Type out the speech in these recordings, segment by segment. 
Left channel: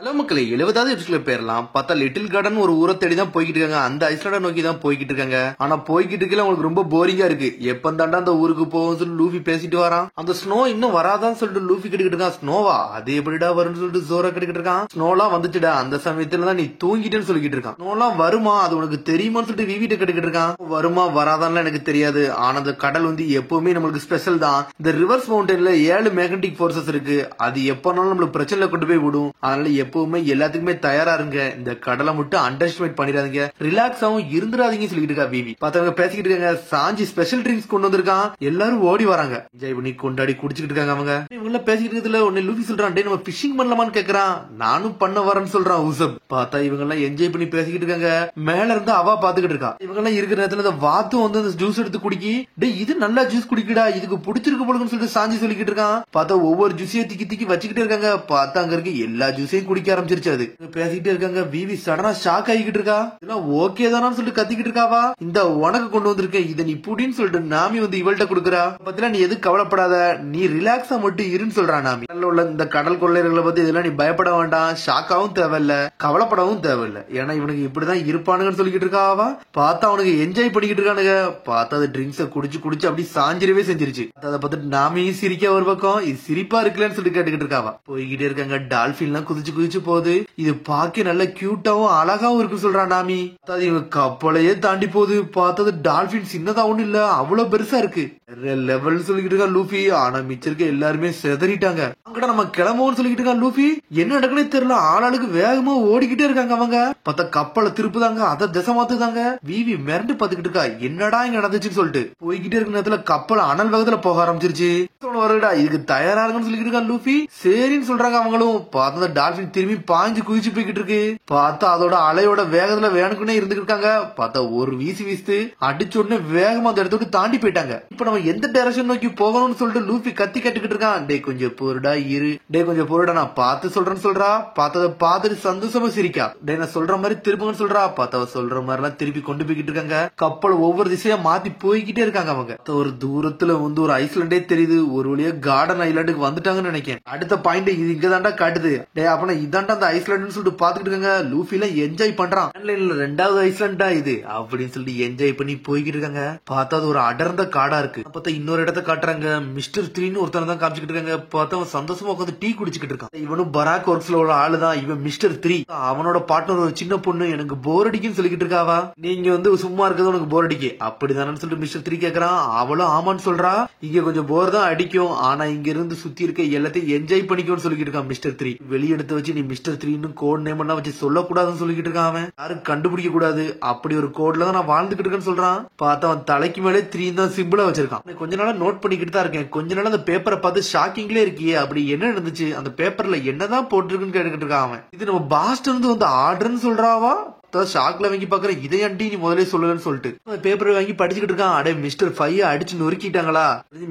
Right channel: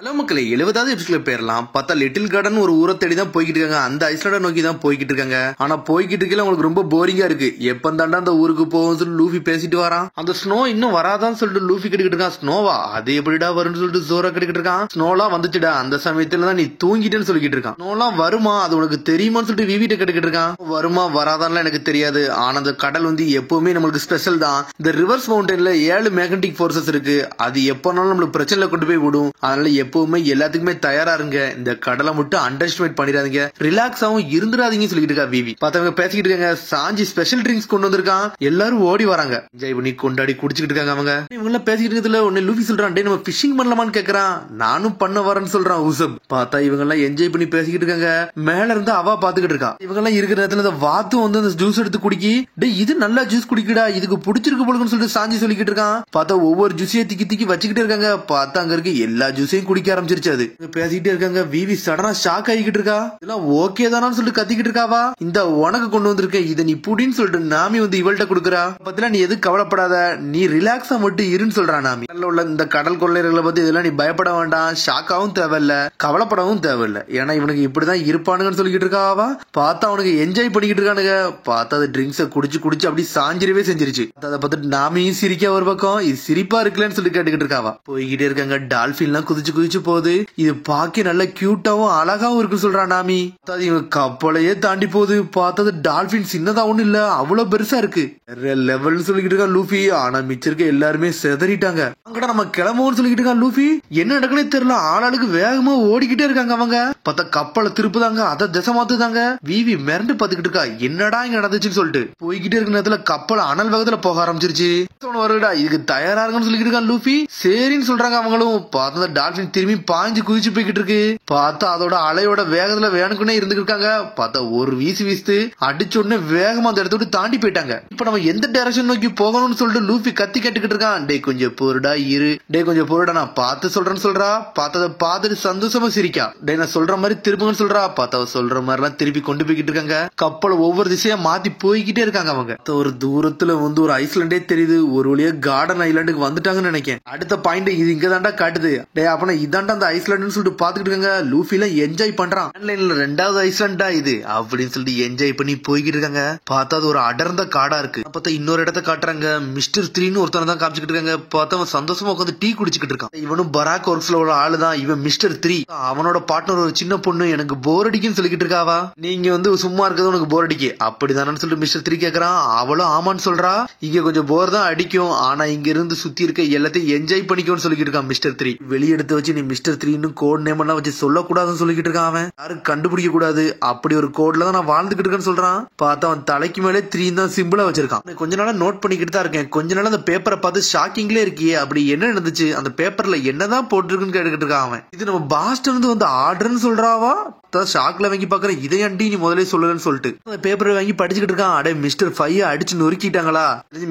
Hello மக்களே, 70வது எபிசோட்ல பேரலாம் பார்த்தா லிட்டில் கார்டன் ஒரு ஊரை தேடி தான் போய்கிட்டு இருக்காங்க. அந்த ஐஸ்லாண்டை நோக்கி தான் போய்கிட்டு இருக்காங்க. ஆனா போய்கிட்டு இருக்கல உங்களுக்கு ரொம்ப போரிங்கா இருக்கு. எப்ப தாண்டா அந்த ஊருக்கு போகும் சொல்லி லூஃபி பேசிட்டு வரான். அந்த ஸ்னோ இன்னும் வராதான்னு சொல்லிட்டு லூஃபி கேட்டுக்கிட்டு இருக்கான். ஸ்னோவா அது எப்படிடா வரும்னு சொல்லிட்டு ஜோரா கேட்டுக்கிட்டு இருக்கான். ஸ்னோலாம் வந்துச்சுடா, அந்த சமயத்துல தான் நீ தூங்கிட்டேன்னு சொல்லிக்கிட்டு இருக்கான். ஸ்னோலாம் வருமா அது உனக்கு தெரியுமான்னு சொல்லிட்டு விவிட்ட கேட்டுக்கிட்டு இருக்கான். வருமா வராதான்லாம் எனக்கு தெரியாது. ஆனா அந்த கடல் வந்து எப்பவுமே நம்மளுக்கு ஸ்பெஷல் தான். இந்த ரிவர்ஸ் மவுண்டன்ல 7 மேக்னெட்டிக் போர்சஸ் இருக்கு. அது எப்பனாலும் நம்மளுக்கு பிரச்சனைல கொண்டு போய் விடும். அதனால எப்பவுமே எல்லாத்துக்குமே தயாரா இருங்க. இந்த கடலை மட்டும் அண்டர் எஸ்டிமேட் பண்ணிடாதீங்க, ரிலாக்ஸாவும் இருந்துடாதீங்க சொல்லிட்டு இருக்கா விவி. பார்த்தவங்க பேசிக்கிட்டு இருக்காங்க. சாஞ்சி ஸ்பெஷல் ட்ரிங்க்ஸ் கொண்டு வந்திருக்கான். எல்லாரும் ஓடி வராங்க. என்ஜாய் பண்ணி கொண்டாடி குடிச்சுக்கிட்டு இருக்காங்க. அவங்க இவங்க பேசிக்கிட்டு இருக்கிறதுல ஒன்னு லூஃபி சொல்றான், டே நம்ம ஃபிஷிங் பண்ணலாமான்னு கேக்குறான். நானும் பண்ண வரேன்னு சொல்றான் உசப். பார்த்தா இவங்க எல்லாம் என்ஜாய் பண்ணி பேசிக்கிட்டு இருக்காங்க. மேல இருந்து அவ பாத்துக்கிட்டு இருக்கா. இவங்க எல்லாம் இருக்கிற நேரத்துல இந்த வாத்தும் வந்து அந்த ஜூஸ் எடுத்து குடிக்கி, டே இது நல்லா ஜூஸ் குடிக்கடா, இதுக்கு பிடிச்சிருக்கு போலுன்னு சொல்லிட்டு சாஞ்சி சொல்லிக்கிட்டு இருக்கான். பார்த்தா ஒவ்வொரு ஜூஸையும் திக்கி திக்கி வச்சுக்கிட்டு இருக்காங்க. பார்த்தா அங்க இருக்கு எல்லா ஜூஸையும் குடிக்க ஆரம்பிச்சிருச்சு. அது பேசிக்கிட்டே இருக்காங்க. விவி சடனா ஷாக் ஆகிக்கிட்டு இருக்கா. இதெல்லாம் ஓகே தானான்னு சொல்லிட்டு கத்திக்கிட்டு இருக்காவா. இந்த உனக்கு கொண்டு வந்திருக்கேன், இதை நீ புடின்னு சொல்லிட்டு நாமி வந்து இவள்கிட்ட கொடுக்குறா. பத்தில நீ எது கவலைப்படாத, நீ ரிலாக்ஸா மட்டும் இருன்னு சொல்றா நாமி. உள்ள இந்த கடல் கொள்ளையர்களை பத்தி இதெல்லாம் நீ பயப்பட வேண்டாம், ஷாக்காவும் தேவையில்ல, கவலைப்படவும் தேவையில்ல. ஏன்னா இவனுக்கு இப்படிதான் இருப்பானுங்கன்னு சொல்லிக்கிட்டு இருக்காவா. பார்த்தா அவனுக்கு என்ஜாய் பண்ணிக்கிட்டு இருக்கானுங்க. பார்த்தா அது ட்ரிங்க்ஸை குடிச்சு குடிச்சு அப்படி சாஞ்சிரவே செஞ்சிருச்சு. அதை பார்த்துட்டு நாமியும் சிரிக்க ஒரு பக்கம், இது சிரிப்பா இருக்குல்லன்னு சொல்லி கேட்டுக்கிட்டு இருக்காவா. போய்கிட்டே இருக்காங்க. டால்பின் எல்லாம் குதிச்சு குதிச்சு போகுது. இது பாக்க நல்ல கியூட்டாவும் அழகாவும் இருக்கு சொல்றான் நாமி. இவங்க கப்பலையே தாண்டி போகுது. பார்த்தது டால்பின் சின்னதா ஒண்ணு இல்ல, அவ்வளவு பெருசா இருக்கு. லெவல்னு சொல்லிக்கிட்டு இருக்கா லூஃபி. ஆனா மிச்சிருக்க எல்லாருமே செதறிட்டாங்க. அங்கடா நம்ம கிளம்புவோம்னு சொல்லிக்கிட்டு இருக்கா லூஃபி. என்ன நடக்குனே தெரியல, ஆளாளுக்கு வேகமா ஓடிக்கிட்டே இருக்காங்க. அவங்க பார்த்தா கப்பலை திருப்புதாங்க, அதை திசை மாத்துதாங்க. விவி மிரண்டு பாத்துக்கிட்டு இருக்கா, என்னடா இங்க நடந்துச்சுன்னு சொல்லிட்டு. போய்கிட்டே இருக்க நேரத்துல கப்பல் அனல் வேகத்துல போக ஆரம்பிச்சிருச்சு. வருடா இதுக்கு தயாரா இருக்குன்னு சொல்லிக்கிட்டு இருக்கா லூஃபி. சரின்னு சொல்றாங்க அவங்களும். பார்த்தா டால்பின் திரும்பி பாஞ்சு குதிச்சு போய்கிட்டு இருக்கு. பார்த்தா அதோட அலையோட வேகத்துல வேணுக்குன்னே இருந்துட்டு இருக்காங்க. பார்த்தா ஒரு வீசி வீசி அடிச்ச உடனே வேகமா அந்த இடத்த விட்டு தாண்டி போயிட்டாங்க. இப்ப நம்ம எந்த டைரக்ஷன் நோக்கி போகணும்னு சொல்லிட்டு லூஃபி கத்தி கேட்டுக்கிட்டு இருக்கான். டே கொஞ்சம் பொருடா இரு, டே கொஞ்சம் பொருடா நான் பார்த்து சொல்றேன்னு சொல்றா. பார்த்தத பார்த்துட்டு சந்தோஷமா சிரிக்கா. டே நான் சொல்ற மாதிரி திரும்புங்கன்னு சொல்றா. பார்த்தா சொல்ற மாதிரி எல்லாம் திருப்பி கொண்டு போய்கிட்டு இருக்காங்க. கப்பல் ஒவ்வொரு திசையா மாத்தி போய்கிட்டே இருக்காங்க. அவங்க ஒரு தூரத்துல வந்து ஒரு ஐஸ்லாண்டே தெரியுது. ஒரு வழியா கார்டன் ஐலாண்டுக்கு வந்துட்டாங்கன்னு நினைக்கிறேன். அடுத்த பாயிண்ட் இது இங்க தாண்டா காட்டுது. டே அப்பனா இதாண்டா அந்த ஐஸ்லாண்டுன்னு சொல்லிட்டு பாத்துக்கிட்டு இருக்காங்க. லூஃபில என்ஜாய் பண்றான். ஆன்லைன்ல 2வது ஐஸ்லாண்டா இது அப்படின்னு சொல்லிட்டு என்ஜாய் பண்ணி போய்கிட்டு இருக்காங்க. பார்த்தா அது ஒரு அடர்ந்த காடா இருக்கு. பார்த்தா இன்னொரு இடத்த காட்டுறாங்க. மிஸ்டர் 3ன்னு ஒருத்தனை தான் காமிச்சுக்கிட்டு இருக்காங்க. பார்த்தா அவன் சந்தோஷமா உட்காந்து டீ குடிச்சுக்கிட்டு இருக்கான். இவனும் பராக் ஒர்க்ஸ்ல ஒரு ஆளு தான். இவன் மிஸ்டர் 3. அவனோட பார்ட்னர் ஒரு சின்ன பொண்ணு. எனக்கு போர் அடிக்குன்னு சொல்லிக்கிட்டு இருக்காவா. நீங்க வந்து சும்மா இருக்கிறது உனக்கு போர் அடிக்கு அப்படிதானு சொல்லிட்டு மிஸ்டர் 3 கேக்குறான். அவளும் ஆமான்னு சொல்றா. இங்க கொஞ்சம் போர் தான் அடிக்கும், ஆனா இங்க இருந்து சுத்தி இருக்க எல்லாத்தையும் என்ஜாய் பண்ணிக்கோன்னு சொல்லிக்கிட்டு இருக்கான் மிஸ்டர் 3. வெளியெடுத்து வச்சு நீ மிஸ்டர் 3ன்னு கோட் நேம் எல்லாம் வச்சு சொல்லக்கூடாதுன்னு சொல்லிக்கிட்டு இருக்கான். அவன் யாரும் கண்டுபிடிக்க கூடாது, அப்படி ஒரு கோட்ல தான் நான் வாழ்ந்துகிட்டு இருக்கேன்னு சொல்றான். பார்த்தா அவன் தலைக்கு மேலே 3 தான் சிம்பிளா வச்சிருக்கான். கொஞ்ச நாளா நோட் பண்ணிக்கிட்டு தான் இருக்கேன். கொஞ்ச நாள் அந்த பேப்பரை பார்த்து ஷாக்கிங்லே இருக்கியே, அப்படி என்ன நடந்துச்சு, அந்த பேப்பர்ல என்னதான் போட்டிருக்குன்னு கேட்டுக்கிட்டு இருக்கான் அவன். இது நம்ம பாஸ்டர் இருந்து வந்து ஆர்டர்னு சொல்றாவா. ஷாக்ல வாங்கி பாக்குற, இதை அண்டி நீ முதலே சொல்லலன்னு சொல்லிட்டு பேப்பரை வாங்கி படிச்சுக்கிட்டு இருக்கான். அடே மிஸ்டர் 5 அடிச்சு நொறுக்கிட்டாங்களா,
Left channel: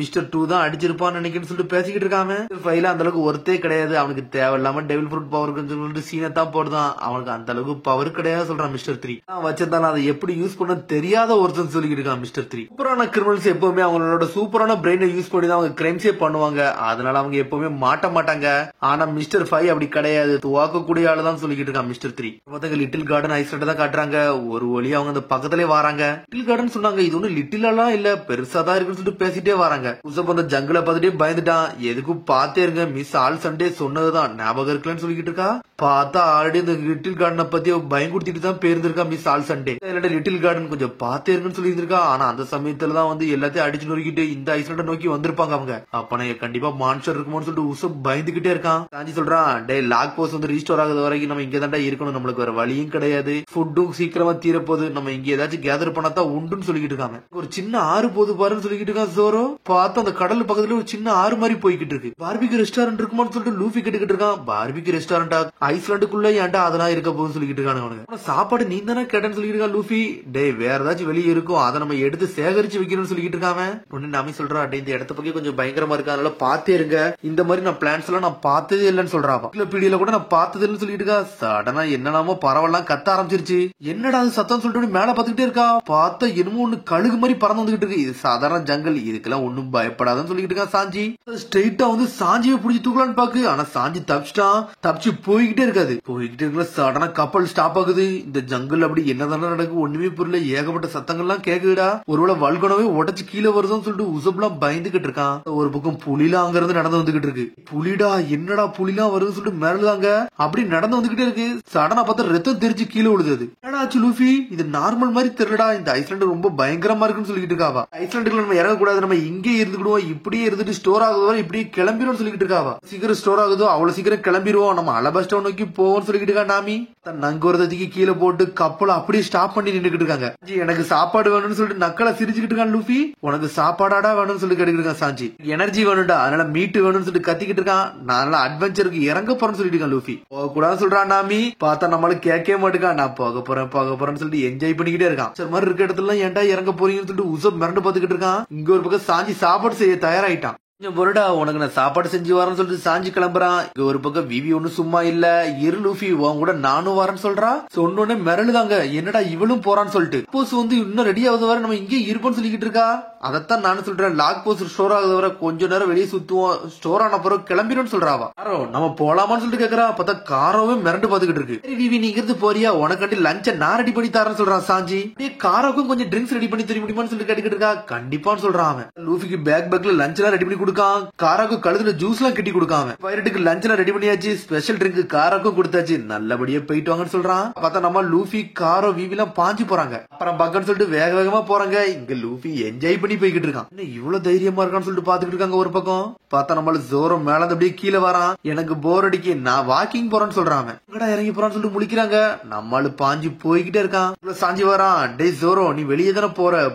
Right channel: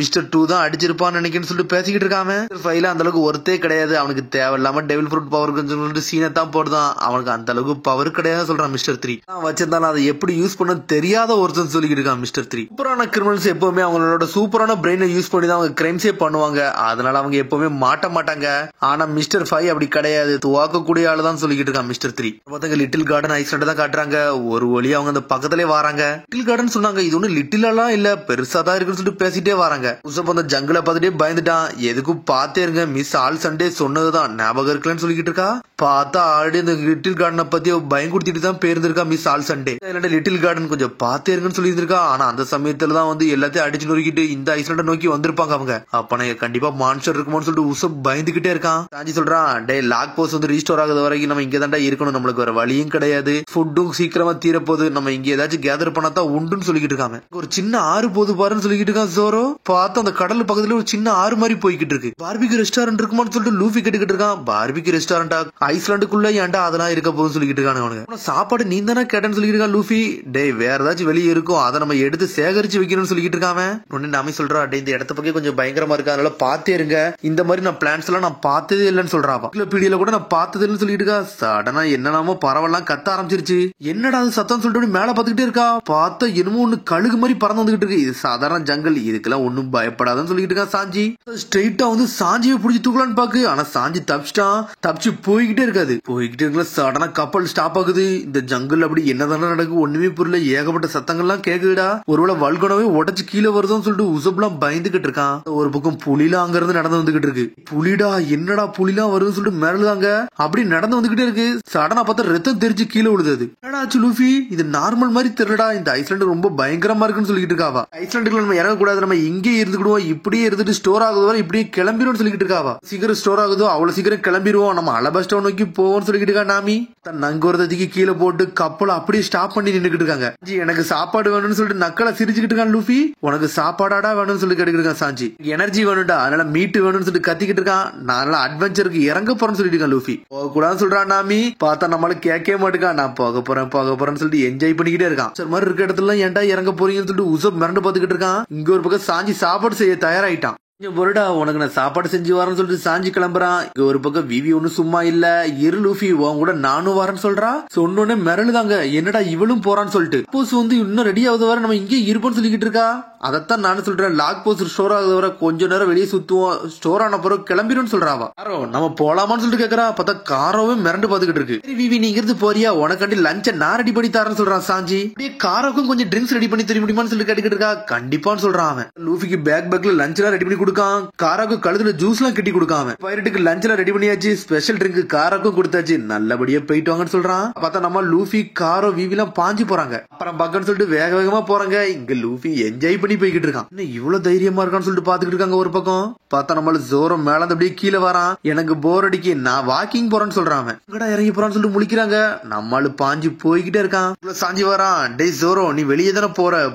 மிஸ்டர் 2 தான் அடிச்சிருப்பான்னு நினைக்கிறேன்னு சொல்லிட்டு பேசிக்கிட்டு இருக்காம. 5 அந்த அளவுக்கு ஒருத்தே கிடையாது, அவனுக்கு தேவையில்லாம டெவில் ஃப்ரூட் பவர் சொல்லிட்டு சீனை தான் போடுதான். அவனுக்கு அந்த அளவுக்கு பவர் கிடையாது சொல்றான் மிஸ்டர் 3. வச்சிருந்தாலும் அதை எப்படி யூஸ் பண்ண தெரியாத ஒருத்தன் சொல்லிக்கிட்டு இருக்கான் மிஸ்டர் 3. சூப்பரான கிரிமினல்ஸ் எப்பவுமே அவங்களோட சூப்பரான பிரெயினை யூஸ் பண்ணி தான் அவங்க கிரைம்ஸே பண்ணுவாங்க. அதனால அவங்க எப்பவுமே மாட்ட மாட்டாங்க. ஆனா மிஸ்டர் 5 அப்படி கிடையாது, துவாக்கக்கூடிய ஆளு தான் சொல்லிக்கிட்டு இருக்கான் மிஸ்டர் 3. லிட்டில் கார்டன் ஐஸ்லாண்ட் தான் காட்டுறாங்க. ஒரு வழி அவங்க அந்த பக்கத்திலே வராங்க. லிட்டில் கார்டன் சொன்னாங்க, இது ஒண்ணு லிட்டில் எல்லாம் இல்ல, பெருசா தான் இருக்குன்னு சொல்லிட்டு பேசிட்டே வராங்க. உசப் அந்த ஜங்கிள பார்த்துட்டே பயந்துட்டான். எதுக்கும் பாத்தே இருங்க, மிஸ் ஆல் சண்டே சொன்னதுதான் ஞாபகம் இருக்குன்னு சொல்லிக்கிட்டு இருக்கா. பார்த்தா ஆல்ரெடி இந்த லிட்டில் கார்டனை பத்தி பயம் கொடுத்துட்டு தான் பேருந்திருக்கா miss all Sunday. Little garden கொஞ்சம் பாத்தே இருக்குன்னு சொல்லி இருக்கா. ஆனா அந்த சமயத்துல தான் வந்து எல்லாத்தையும் அடிச்சு நொறுக்கிட்டு இந்த ஐஸ்லாண்டை நோக்கி வந்திருப்பாங்க அவங்க. அப்ப நான் கண்டிப்பா மான்ஸ்டர் இருக்குமோன்னு சொல்லிட்டு உசப் பயந்துகிட்டே இருக்கான். சாஞ்சி சொல்றான், டே லாக் போஸ்ட் வந்து ரீஸ்டோர் ஆகுது வரைக்கும் நம்ம இங்க தாண்டா இருக்கணும், நம்மளுக்கு வேற வழியும் கிடையாது, ஃபுட்டும் சீக்கிரமா தீரப்போகுது, நம்ம இங்க ஏதாச்சும் கேதர் பண்ணாதான் உண்டுன்னு சொல்லிக்கிட்டு இருக்காங்க. ஒரு சின்ன ஆறு போது பாருன்னு சொல்லிக்கிட்டு இருக்கான் ஜோரோ. பார்த்தா அந்த கடல் பக்கத்துல ஒரு சின்ன ஆறு மாதிரி போய்கிட்டு இருக்கு. பார்பிக்யூ ரெஸ்டாரண்ட் இருக்குமான்னு சொல்லிட்டு லூஃபி கேட்டுக்கிட்டு இருக்கான். பார்பிக்யூ ரெஸ்டாரண்டா ஐஸ்லாண்டுக்குள்ள ஏன்டா அதெல்லாம் இருக்க போகுதுன்னு சொல்லிக்கிட்டு இருக்காங்க. அவனுக்கு சாப்பாடு நீ தானே கேட்டேன்னு சொல்லிட்டு இருக்கான் லூஃபி. டே வேற ஏதாச்சும் வெளியே இருக்கும், அதை நம்ம எடுத்து சேகரிச்சு வைக்கணும்னு சொல்லிக்கிட்டு இருக்காங்க. ஒன்னு நாமே சொல்றா, டே இந்த இடத்த பக்கம் கொஞ்சம் பயங்கரமா இருக்கு, அதனால பாத்தே இருங்க, இந்த மாதிரி நான் பிளான்ஸ் எல்லாம் நான் பார்த்ததே இல்லைன்னு சொல்றாவா. இல்ல பீடியில கூட நான் பார்த்தது இல்லைன்னு சொல்லிட்டு இருக்கா. சடனா என்னெல்லாமோ பரவலாம் கத்த ஆரம்பிச்சிருச்சு. என்னடா அது சத்தம் சொல்லிட்டு மேல பாத்துக்கிட்டே இருக்கா. பார்த்தா என்னமோ ஒண்ணு கழுகு மாதிரி பறந்து வந்துகிட்டு இருக்கு. இது சாதாரண ஜங்கல், இதுக்கெல்லாம் ஒன்னும் பயப்படாதுன்னு சொல்லிட்டு இருக்கா சாஞ்சி. ஸ்ட்ரெயிட்டா வந்து சாஞ்சியை பிடிச்சி தூக்கலான்னு பாக்கு. ஆனா சாஞ்சி தப்பிச்சிட்டான். தப்பிச்சு போய்கிட்டே போய்கிட்டே இருக்காது. போய்கிட்டே இருக்கல சடனா கப்பல் ஸ்டாப் ஆகுது. இந்த ஜங்கிள் அப்படி என்னதானே நடக்கு ஒண்ணுமே புரியல. ஏகப்பட்ட சத்தங்கள்லாம் கேக்குதுடா. ஒருவேளை வல்கனவே உடச்சு கீழே வருதுன்னு சொல்லிட்டு உசப்லாம் பயந்துகிட்டு இருக்கான். ஒரு பக்கம் புலிலாம் அங்க இருந்து நடந்து வந்துகிட்டு இருக்கு. புலிடா என்னடா புலிலாம் வருதுன்னு சொல்லிட்டு மிரளுதாங்க. அப்படி நடந்து வந்துகிட்டே இருக்கு. சடனா பார்த்தா ரத்தம் தெரிச்சு கீழே விழுது. என்னடா ஆச்சு லூஃபி, இது நார்மல் மாதிரி தெரியலடா, இந்த ஐஸ்லாண்டு ரொம்ப பயங்கரமா இருக்குன்னு சொல்லிட்டு இருக்காவா. ஐஸ்லாண்டுக்குள்ள நம்ம இறங்கக்கூடாது, நம்ம இங்கே இருந்துக்கிடுவோம், இப்படியே இருந்துட்டு ஸ்டோர் ஆகுதோ இப்படியே கிளம்பிடும் சொல்லிட்டு இருக்காவா. சீக்கிரம் ஸ்டோர் ஆகுதோ அவ்வளவு சீக்கிரம் கிளம்பிடுவோம், நம்ம அலபாஸ்டோ நோக்கி போவோம்னு சொல்லிட்டு இருக்கா நாமி. தன் நங்கூரத்துக்கு கீழே போட்டு கப்பலை அப்படியே ஸ்டாப் பண்ணி நின்னுக்கிட்டு இருக்காங்க. எனக்கு சாப்பாடு வேணும்னு சொல்லிட்டு நக்கலை சிரிச்சுக்கிட்டு இருக்கான் லூஃபி. உனக்கு சாப்பாடாடா வேணும்னு சொல்லி கேட்டுக்கிட்டு இருக்கான் சாஞ்சி. எனர்ஜி வேணும்டா, அதனால மீட்டு வேணும்னு சொல்லிட்டு கத்திக்கிட்டு இருக்கான். நான் அட்வென்ச்சருக்கு இறங்க போறேன்னு சொல்லிட்டு இருக்கான் லூஃபி. போக கூடாதுன்னு சொல்றான் நாமி. பார்த்தா நம்மளுக்கு கேட்கவே மாட்டேங்கான். நான் போக போறேன்னு சொல்லிட்டு என்ஜாய் பண்ணிக்கிட்டே இருக்கான். சரி மாதிரி இருக்க இடத்துல ஏன்டா இறங்க போறீங்கன்னு சொல்லிட்டு உசப் மிரண்டு பாத்துக்கிட்டு இருக்கான். இங்க ஒரு பக்கம் சாஞ்சி சாப்பாடு செய்ய தயாராயிட்டான். பொருடா உனக்கு நான் சாப்பாடு செஞ்சு வரேன்னு சொல்லிட்டு சாஞ்சி கிளம்புறான். இங்க ஒரு பக்கம் விவி ஒண்ணு சும்மா இல்ல. இரு லூஃபி உன் கூட நானும் வரேன்னு சொல்றான். சொன்னோடனே மிரளுதாங்க, என்னடா இவளும் போறான்னு சொல்லிட்டு. போஸ் வந்து இன்னும் ரெடி ஆகுது வர நம்ம இங்கே இருப்போம்னு சொல்லிக்கிட்டு இருக்கா. அதைத்தான் நானும் சொல்றேன். லாக் போஸ்ட் ஸ்டோர் ஆகுது வர கொஞ்ச நேரம் வெளியே சுத்துவோம், ஸ்டோர் ஆன பிறகு கிளம்பிடும் சொல்றாவா. காரோ நம்ம போலாமான்னு சொல்லிட்டு கேக்குறா. பார்த்தா காரோவே மிரண்டு பாத்துக்கிட்டு இருக்கு. சரி விவி நீ இருந்து போறியா, உனக்காண்டி லஞ்ச நான் ரெடி பண்ணி தரேன்னு சொல்றான் சாஞ்சி. நீ காரோக்கும் கொஞ்சம் ட்ரிங்க்ஸ் ரெடி பண்ணி தெரிய முடியுமான்னு சொல்லிட்டு கேட்டுக்கிட்டு இருக்கா. கண்டிப்பான்னு சொல்றான் அவன். லூஃபிக்கு பேக்ல லஞ்ச் எல்லாம் ரெடி பண்ணி கொடுக்கான். காராக்கு கழுதுல ஜூஸ் எல்லாம் கட்டி கொடுக்காம. பைரட்டுக்கு லஞ்ச் எல்லாம் ரெடி பண்ணியாச்சு. ஸ்பெஷல் ட்ரிங்க் காராக்கும் கொடுத்தாச்சு. நல்லபடியா போயிட்டு வாங்கன்னு சொல்றான். பார்த்தா நம்ம லூஃபி காரோ விவி எல்லாம் பாஞ்சு போறாங்க. அப்புறம் பக்கன்னு சொல்லிட்டு வேக வேகமா போறாங்க. இங்க லூஃபி என்ஜாய் பண்ணி போய்கிட்டு இருக்கான். இவ்வளவு தைரியமா இருக்கான்னு சொல்லிட்டு பாத்துக்கிட்டு இருக்காங்க. ஒரு பக்கம் பார்த்தா நம்மளுக்கு ஜோரோ மேல அப்படியே கீழே வரான். எனக்கு போர் அடிக்கி நான் வாக்கிங் போறேன்னு சொல்றான். எங்கடா இறங்கி போறான்னு சொல்லிட்டு முழிக்கிறாங்க. நம்மளு பாஞ்சு போய்கிட்டே இருக்கான். சாஞ்சி வரான். டே ஜோரோ நீ வெளியே தானே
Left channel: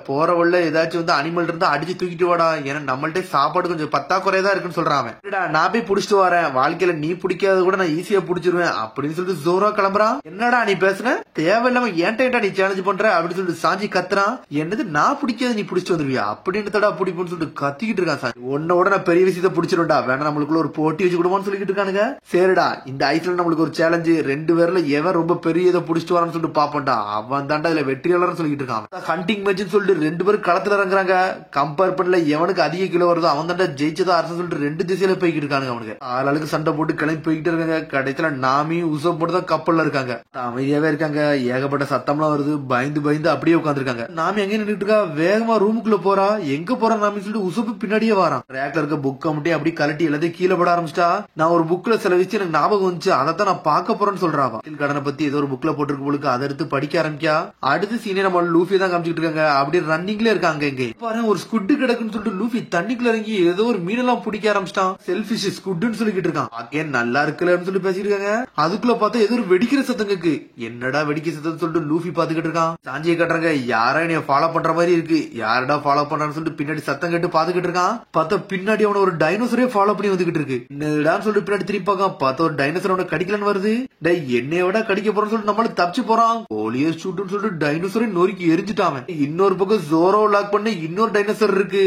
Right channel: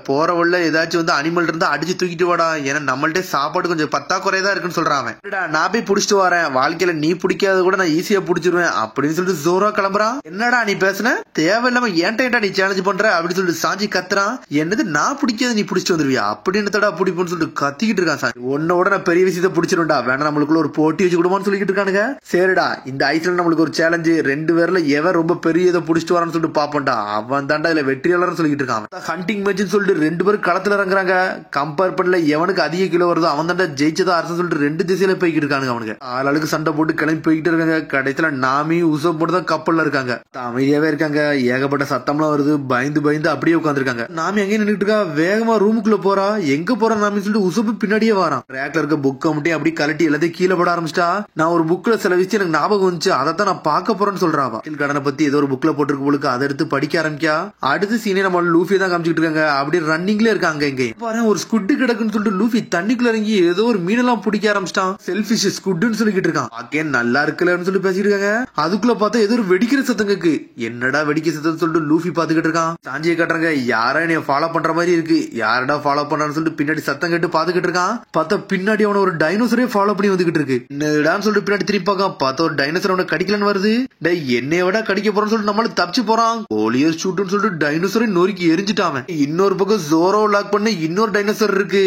போற வழில ஏதாச்சும் வந்து அனிமல் இருந்தா அடிச்சு தூக்கிட்டு வாடா, ஏன்னா நம்மள்ட்ட சாப்பாடு கொஞ்சம் பத்தாக்குறையதான் இருக்குன்னு சொல்றான். நான் போய் புடிச்சிட்டு வரேன், வாழ்க்கையில நீ பிடிக்காத கூட நான் ஈஸியா புடிச்சிருவேன் அப்படின்னு சொல்லிட்டு ஜோரா கிளம்புறான். என்னடா நீ பேசுன, தேவையில்லாம ஏன்டா நீ சேலஞ்ச் பண்ற அப்படின்னு சொல்லிட்டு சாஞ்சி கத்துறான். என்னது நான் பிடிக்காத நீ பிடிச்சிட்டு வந்துருவியா அப்படின்னு தடா பிடிப்புன்னு சொல்லிட்டு கத்திக்கிட்டு இருக்கான். சாஞ்சி உன்னோட நான் பெரிய விஷயத்த பிடிச்சிருண்டா, வேணா நம்மளுக்குள்ள ஒரு போட்டி வச்சு கொடுமான்னு சொல்லிட்டு இருக்கானுங்க. சரிடா இந்த ஐஸ்ல நம்மளுக்கு ஒரு சேலஞ்சு, 2 பேர்ல எவன் ரொம்ப பெரிய இதை புடிச்சிட்டு வரான்னு சொல்லிட்டு பாப்பண்டா, அவன் தாண்டா இதுல வெற்றியாளர்னு சொல்லிட்டு இருக்கான். ஹண்டிங் மேட்ச்னு சொல்லிட்டு 2 பேரும் களத்துல இறங்குறாங்க. கம்பேர் பண்ணல எவனுக்கு அதிக கிலோ வருதோ அவன் தாண்டா ஜெயிச்சதா அரசு சொல்லிட்டு 2 திசையில போய்கிட்டு இருக்காங்க. அவனுக்கு ஆளுக்கு சண்டை போட்டு கிளம்பி போய்கிட்டு இருக்காங்க. கடைசியில நாமி உசப் போட்டு தான் கப்பல்ல இருக்காங்க. அமைதியாவே இருக்காங்க. ஏகப்பட்ட சத்தம்லாம் வருது. பயந்து அப்படியே உட்காந்துருக்காங்க. நாமி எங்க நின்றுட்டு இருக்கா. வேகமா ரூமுக்குள்ள போறா. எங்க போறா நாமி சொல்லிட்டு உசப்பு பின்னாடியே வரான். ரேக்ல இருக்க புக்கை மட்டும் அப்படி கலட்டி எல்லாத்தையும் கீழே போட ஆரம்பிச்சிட்டா. நான் ஒரு புக்ல சில விஷயம் எனக்கு ஞாபகம் வந்துச்சு, அதைத்தான் நான் பார்க்க போறேன்னு சொல்றாவா. கடனை பத்தி ஏதோ ஒரு புக்ல போட்டுருக்கு போலுக்கு, அதை எடுத்து படிக்க ஆரம்பிக்கா. அடுத்து சீனே நம்ம லூஃபி தான் காமிச்சிட்டு இருக்காங்க. அப்படியே ரன்னிங்ல இருக்காங்க. இங்க பாரு ஒரு ஸ்குட் கிடக்குன்னு சொல்லிட்டு லூஃபி தண்ணிக்குள்ள இறங்கி ஏதோ ஒரு மீனெல்லாம் பிடிக்க ஆரம்பிச்சிட்டான். செல்ஃபிஷ் ஸ்குட்னு சொல்லிட்டு இருக்கான். பாக்கே நல்லா இருக்குல்லன்னு சொல்லிட்டு பேசிட்டு இருக்காங்க. அதுக்குள்ள பார்த்தா ஏதோ ஒரு வெடிக்கிற சத்தம் கேக்கு. என்னடா வெடிக்கிற சத்தம் சொல்லிட்டு லூஃபி பாத்துக்கிட்டு இருக்கான். சாஞ்சியை கட்டுறாங்க. யாரா நீ ஃபாலோ பண்ற மாதிரி இருக்கு, யாரடா ஃபாலோ பண்றான்னு சொல்லிட்டு பின்னாடி சத்தம் கேட்டு பாத்துக்கிட்டு இருக்கான். பார்த்தா பின்னாடி அவன ஒரு டைனோசரே ஃபாலோ பண்ணி வந்துகிட்டு இருக்கு. என்னடான்னு சொல்லிட்டு பின்னாடி திருப்பி பார்க்கான். பார்த்தா ஒரு டைனோசர் அவனை கடிக்கலன்னு வருது. டே என்னைய விட கடிக்க போறான்னு சொல்லிட்டு நம்மள தப்பிச்சு போறான். கோலியர் ஷூட்னு சொல்லிட்டு டைனோசரை நொறுக்கி எரிஞ்சிட்டான். இன்னொரு பக்கம் ஜோரோ லாக் பண்ணி இன்னொரு டைனோசர் இருக்கு.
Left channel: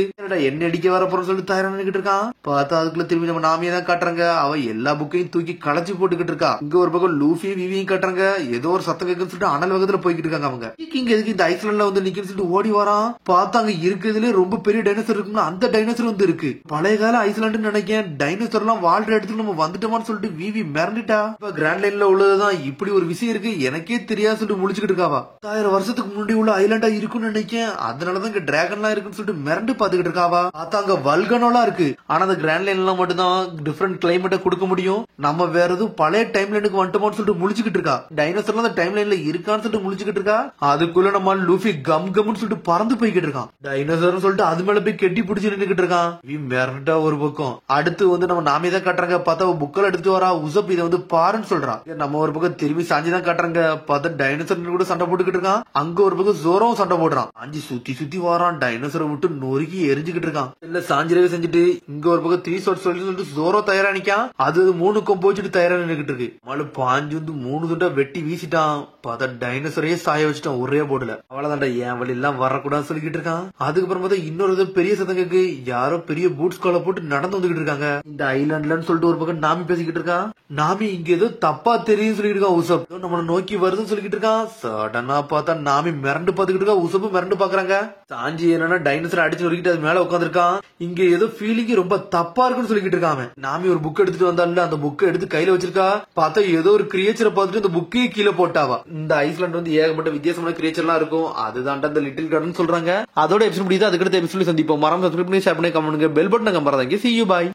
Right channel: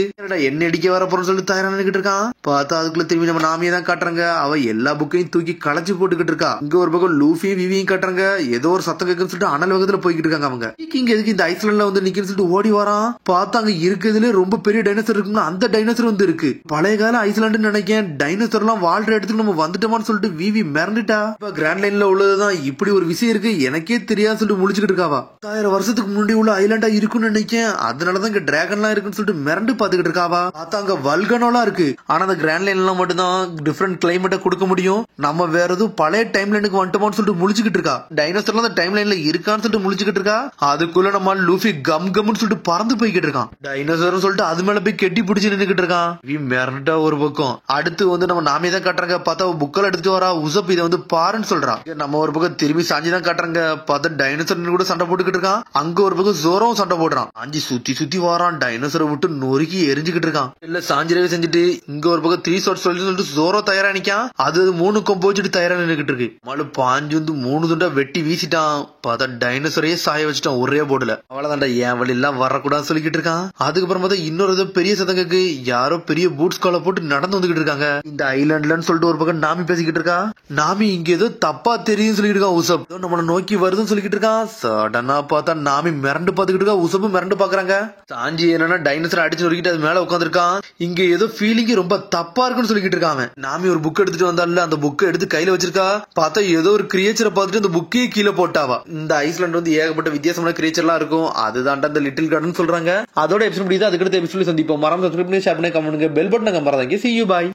என்ன அடிக்க வர போறன்னு சொல்லிட்டு தயாரா நின்னுகிட்டு இருக்கான். பார்த்தா அதுக்குள்ள திரும்பி நம்ம நாமியை தான் காட்டுறாங்க. அவ எல்லா புக்கையும் தூக்கி களைச்சு போட்டுக்கிட்டு இருக்கா. இங்க ஒரு பக்கம் லூஃபியும் விவியும் காட்டுறாங்க. ஏதோ ஒரு சத்தம் கேக்குன்னு சொல்லிட்டு அனல் வேகத்துல போய்கிட்டு இருக்காங்க. அவங்க இங்க எதுக்கு இந்த ஐஸ்லாண்ட்ல வந்து நிக்கன்னு சொல்லிட்டு ஓடி வரான். பார்த்தா அங்க இருக்கிறதுல ரொம்ப பெரிய டைனோசர் இருக்குன்னு அந்த டைனோசர் வந்து இருக்கு. பழைய கால ஐஸ்லாண்டு நினைக்கேன். டைனோசர் எல்லாம் வாழ்ற இடத்துக்கு நம்ம வந்துட்டோமான்னு சொல்லிட்டு விவி மிரண்டுட்டா. இப்ப கிராண்ட் லைன்ல உள்ளதுதான் இப்படி ஒரு விஷயம் இருக்கு எனக்கே தெரியாது சொல்லிட்டு முடிச்சுக்கிட்டு இருக்காவா. 1000 வருஷத்துக்கு முன்னாடி உள்ள ஐலாண்டா இருக்குன்னு நினைக்கேன். அதனாலதான் இங்க டிராகன் எல்லாம் இருக்குன்னு சொல்லிட்டு மிரண்டு பாத்துக்கிட்டு இருக்காவா. பார்த்தா அங்க வல்கனோலாம் இருக்கு. ஆனா அந்த கிராண்ட் லைன்ல மட்டும் தான் டிஃபரெண்ட் கிளைமேட்டை கொடுக்க முடியும். நம்ம வேற எதுவும் பழைய டைம் லைனுக்கு வந்துட்டோம்னு சொல்லிட்டு முழிச்சுக்கிட்டு இருக்கா. டைனோசர் அந்த டைம் லைன்ல இருக்கான்னு சொல்லிட்டு முழிச்சுக்கிட்டு இருக்கா. அதுக்குள்ள நம்ம லூஃபி கம்னு சொல்லிட்டு பறந்து போய்கிட்டு இருக்கான். டைனோசர் சொல்லிட்டு அது மேல போய் கெட்டி பிடிச்சு நின்னுக்கிட்டு இருக்கான். மிரண்டா ஒரு பக்கம். அடுத்து வந்து நம்ம நாமே தான் காட்டுறாங்க. பார்த்தா புக்கெல்லாம் எடுத்துட்டு வரா. உசப் இதை வந்து பாருன்னு சொல்றான். நம்ம ஒரு பக்கம் திரும்பி சாஞ்சி தான் காட்டுறாங்க. பார்த்தா டைனோசர் கூட சண்டை போட்டுக்கிட்டு இருக்கான். அங்க ஒரு பக்கம் ஜோரம் சண்டை போடுறான். சாஞ்சி சுத்தி வரான். டைனோசரை விட்டு நொறுக்கி எரிஞ்சுக்கிட்டு இருக்கான். இல்ல சாஞ்சிரவே செஞ்சுட்டு இங்க ஒரு பக்கம் 3 ஷாட் சொல்லிட்டு ஜோரோ தயாரா நிக்கான். அது 3 கொம்பு வச்சுட்டு தயாரா நின்னுக்கிட்டு இருக்கு. மழை பாஞ்சு வந்து 3 துண்டா வெட்டி வீசிட்டான். பார்த்தா டைனோசரையே சாய வச்சுட்டான் ஒரே போர்டுல. அவ்வளவுதான்டா என் வழி எல்லாம் வரக்கூடாதுன்னு சொல்லிக்கிட்டு இருக்கான். அதுக்கப்புறம் பார்த்தா இன்னொரு ஏதோ பெரிய சதங்களுக்கு யாரோ பெரிய பூட்ஸ் கால போட்டு நடந்து வந்துகிட்டு இருக்காங்க இந்த ஐலாண்ட்லன்னு சொல்லிட்டு ஒரு பக்கம் நாமி பேசிக்கிட்டு இருக்கான். நாமி இங்க ஏதோ தப்பா தெரியும் சொல்லிட்டு இருக்கான். உசப் நம்மள நோக்கி வருதுன்னு சொல்லிக்கிட்டு இருக்கான். சடனா பார்த்தா நாமி மிரண்டு பாத்துக்கிட்டு இருக்கா. உசப்பு மிரண்டு பாக்குறாங்க. சாஞ்சி என்னன்னா டைனோசர் அடிச்சு நொறுக்கிட்டு அது மேல உட்காந்துருக்கான். இங்க ஏதோ ஃபீலிங் ரொம்ப தப்பா இருக்குன்னு சொல்லிக்கிட்டு இருக்காங்க. நாமி ஒரு புக் எடுத்துட்டு வந்தால அந்த புக்கை எடுத்து கையில வச்சிருக்கா. பார்த்தா ஏதோ ஒரு கிரியேச்சரை பார்த்துட்டு அந்த புக்கையும் கீழே போட்டாவா. இந்த ஐஸ்லாண்ட் வந்து ஏகப்பட்ட வித்தியாசமான கிரியேச்சர் எல்லாம் இருக்கும். அதுதான் இந்த லிட்டில் கார்டன் சொல்றாங்க. அதோட எபிசோட் முடியுது. அதுக்கடுத்த எபிசோட் சந்திப்போம். மறந்து சப்ஸ்கிரைப் பண்ணி ஷேர் பண்ணி கமெண்ட் பண்ணுங்க. பெல் பட்டனை மறந்தாங்க. See you bye.